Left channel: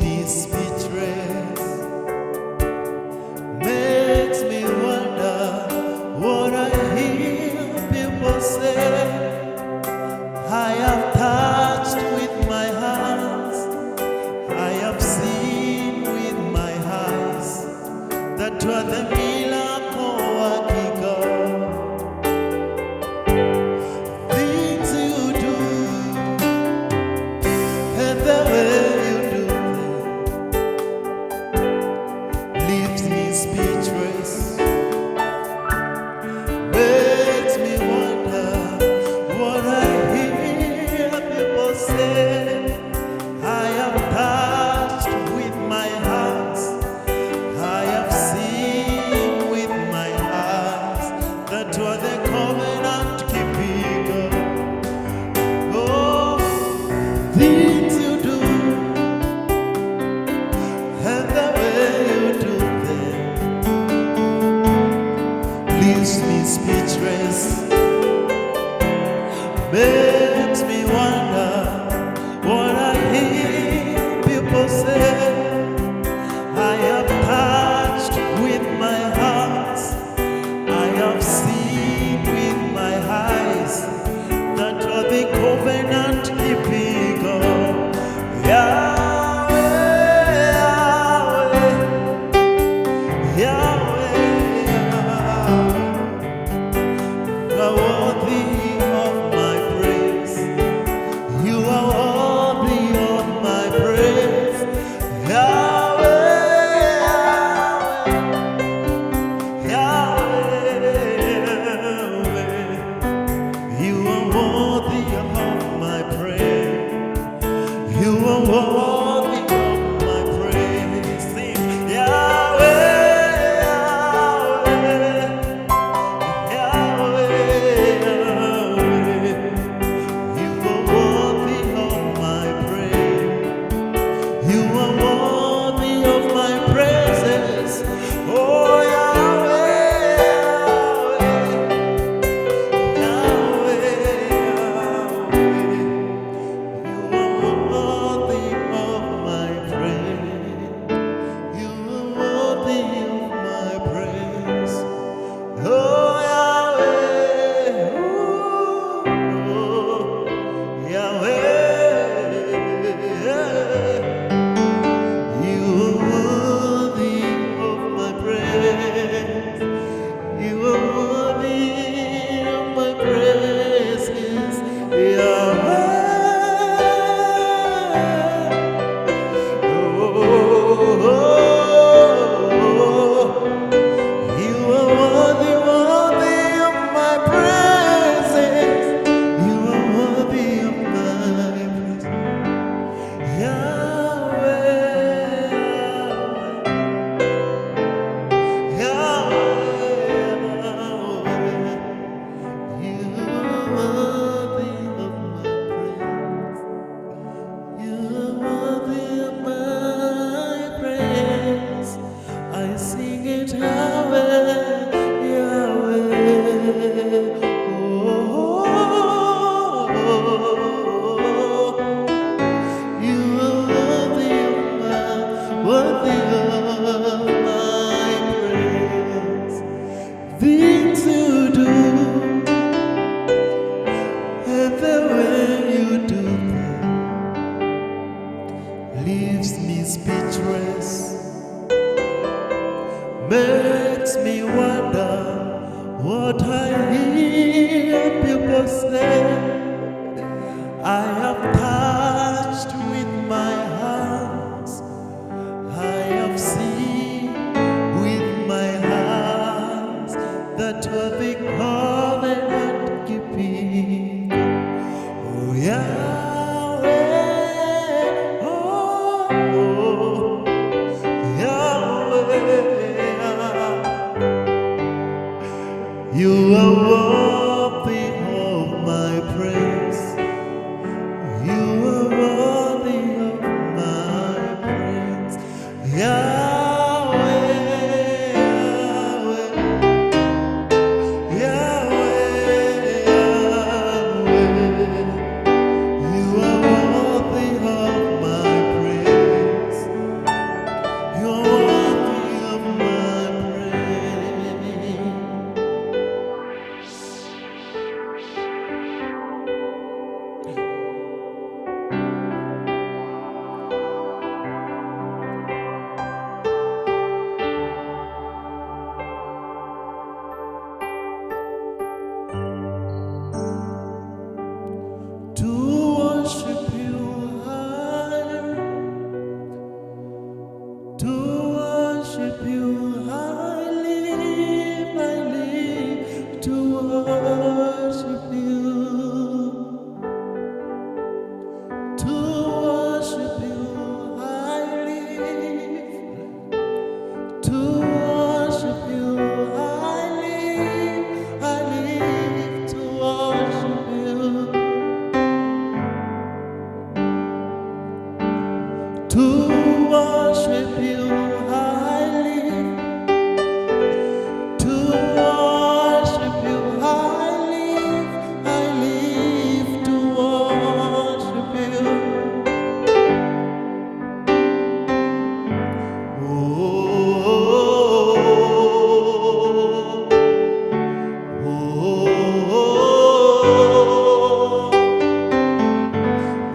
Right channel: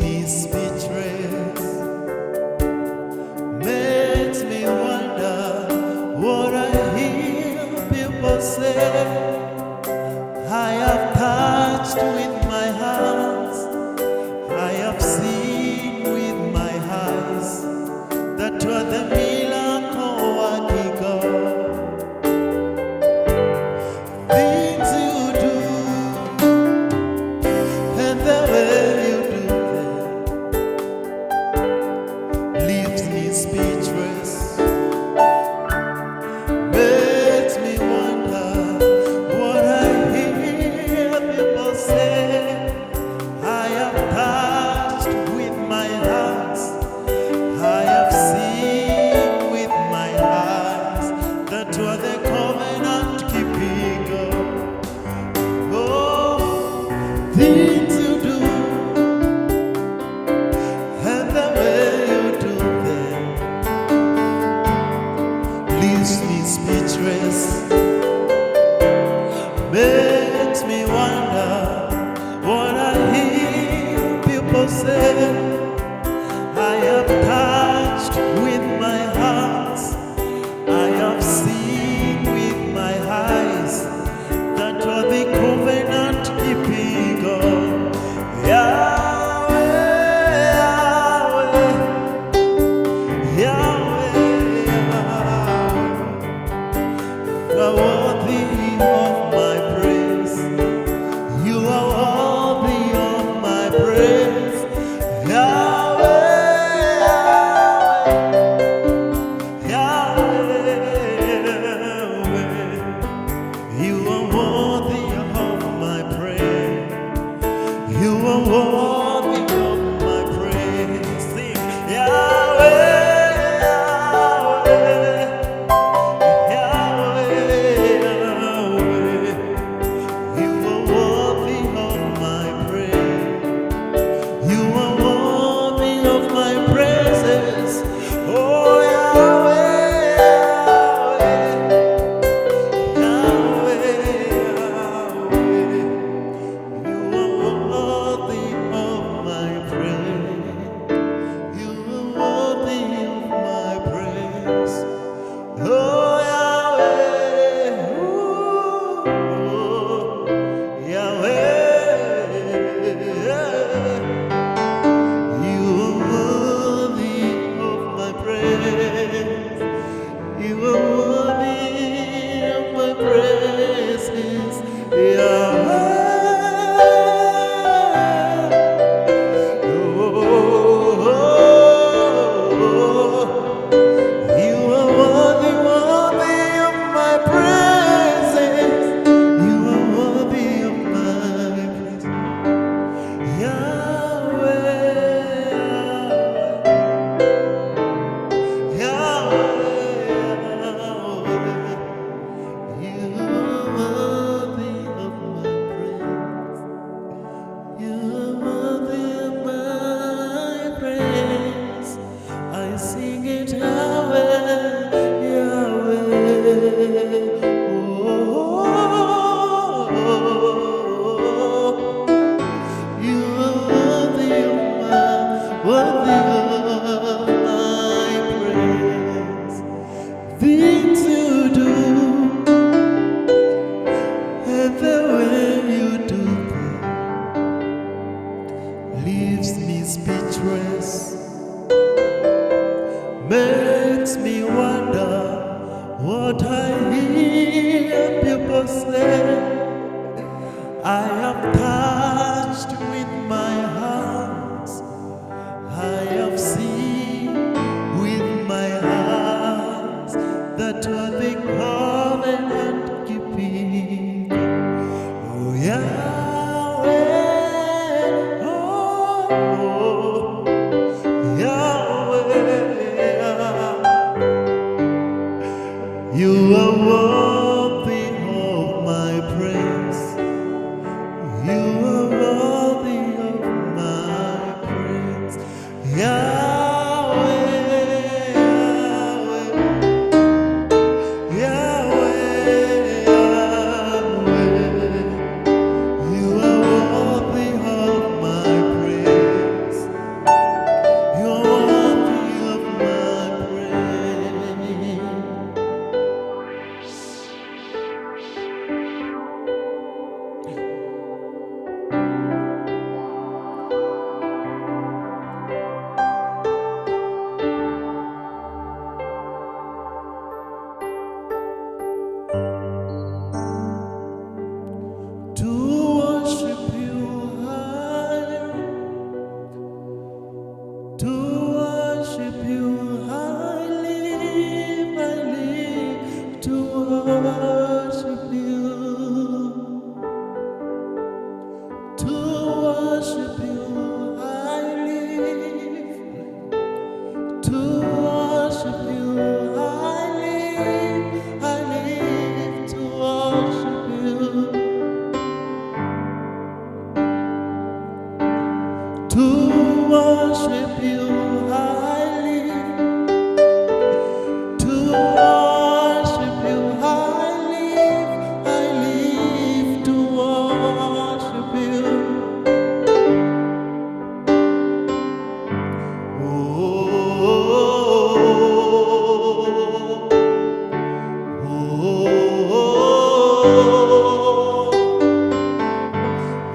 leaves me speechless, makes me wonder what I hear people say. I have touched with my hands, I have seen with my eyes, that you are the miracle working God. Things you do and the way you do them leaves me speechless, makes me wonder what I hear people say. I have touched with my hands, I have seen with my eyes, that you are the covenant keeping God. Oh, things you do and the way you do them leaves me speechless, makes me wonder what I hear people say. I have touched with my hands, I have seen with my eyes, that you're the covenant keeping God. Yahweh, Yahweh, Yahweh, Yahweh, you are worthy of my praise. You are worthy of my praise. Yahweh, you are worthy of my praise. You are worthy of my praise. Sing, Yahweh, Yahweh, Yahweh, you are worthy of my praise. You are worthy of my praises. Oh, Yahweh. Oh, Yahweh, ooh, Yahweh, you are worthy of my praise. You are worthy of my praises, Yahweh. I sing it, Yahweh, Yahweh. Oh, you are worthy of my praise. Things you do and the way you do them leaves me speechless, makes me wonder what I hear people say. I have touched with my hands, I have seen with my eyes, that you are the covenant keeping. Oh, Yahweh, oh, Yahweh. You are worthy of my praise. You are worthy of my praise. Yahweh, Yahweh, Yahweh, Yahweh. You are worthy of my praise.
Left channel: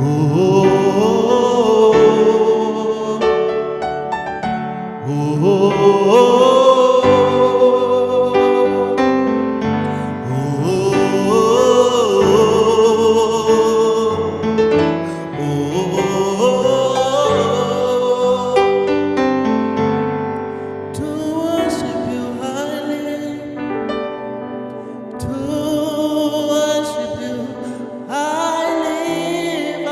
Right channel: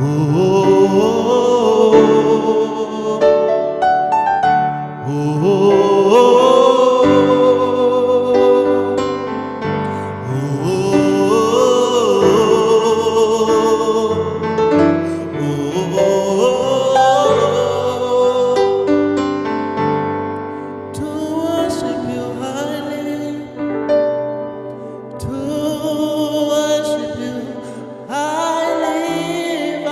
To worship you highly, to worship you, I live,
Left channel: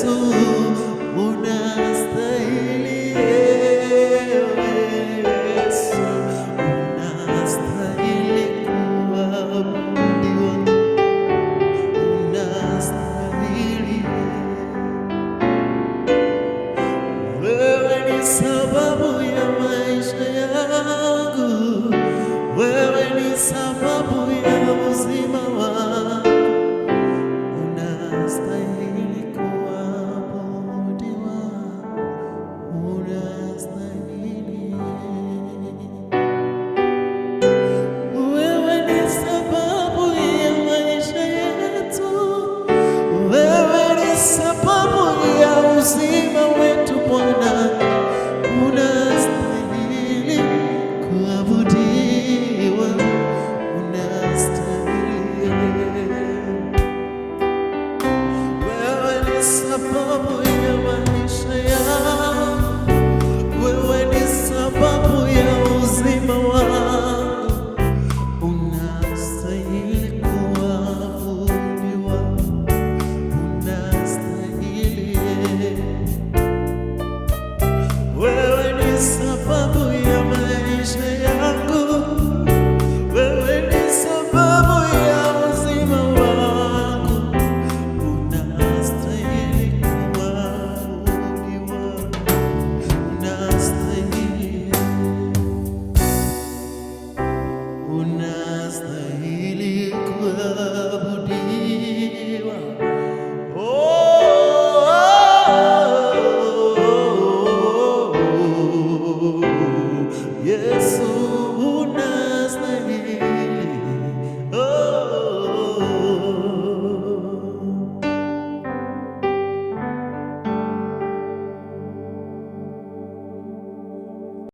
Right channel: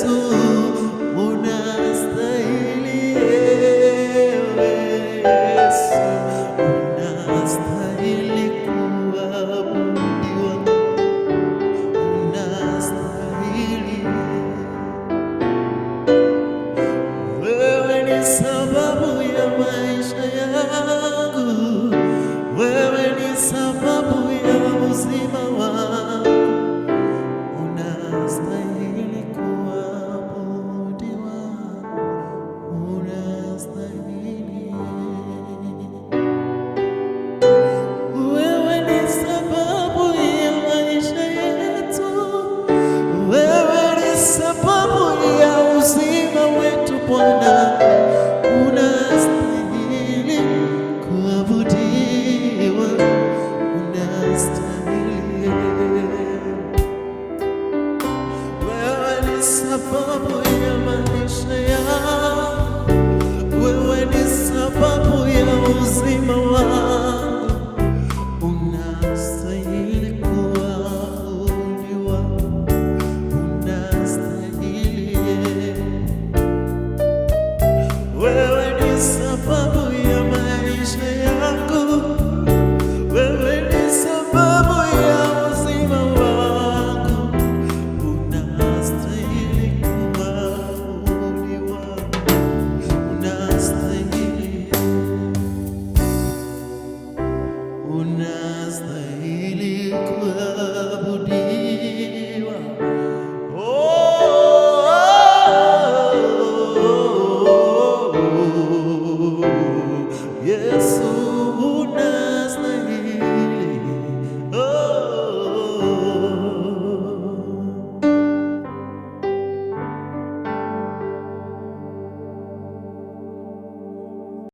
Yesu, unastahili. Ewe Yesu, unastahili kuabudiwa, unastahili. Wewe ni sababu ya maisha yangu, wewe ni sababu ya uzima wangu, unastahili kuabudiwa, unastahili. Wewe ni sababu ya maisha yetu, wewe ni sababu ya uzima wetu Bwana, unastahili kuabudiwa, unastahili. Wewe ni sababu ya maisha yangu, wewe ni sababu ya uzima wangu, unastahili kuabudiwa, unastahili. Wewe ni sababu ya maisha yangu, wewe ni sababu ya uzima wangu, unastahili kuabudiwa, unastahili, unastahili kuabudiwa. Yesu